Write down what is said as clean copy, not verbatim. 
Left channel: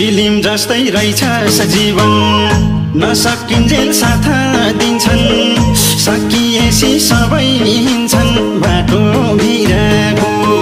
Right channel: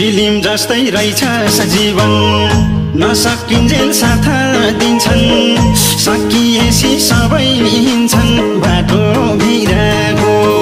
film जस्तै रहेछ सजीवन नसकिन्जेल साथ दिन्छन् सकिएसी सबै हिन्छन् बाटो भिरको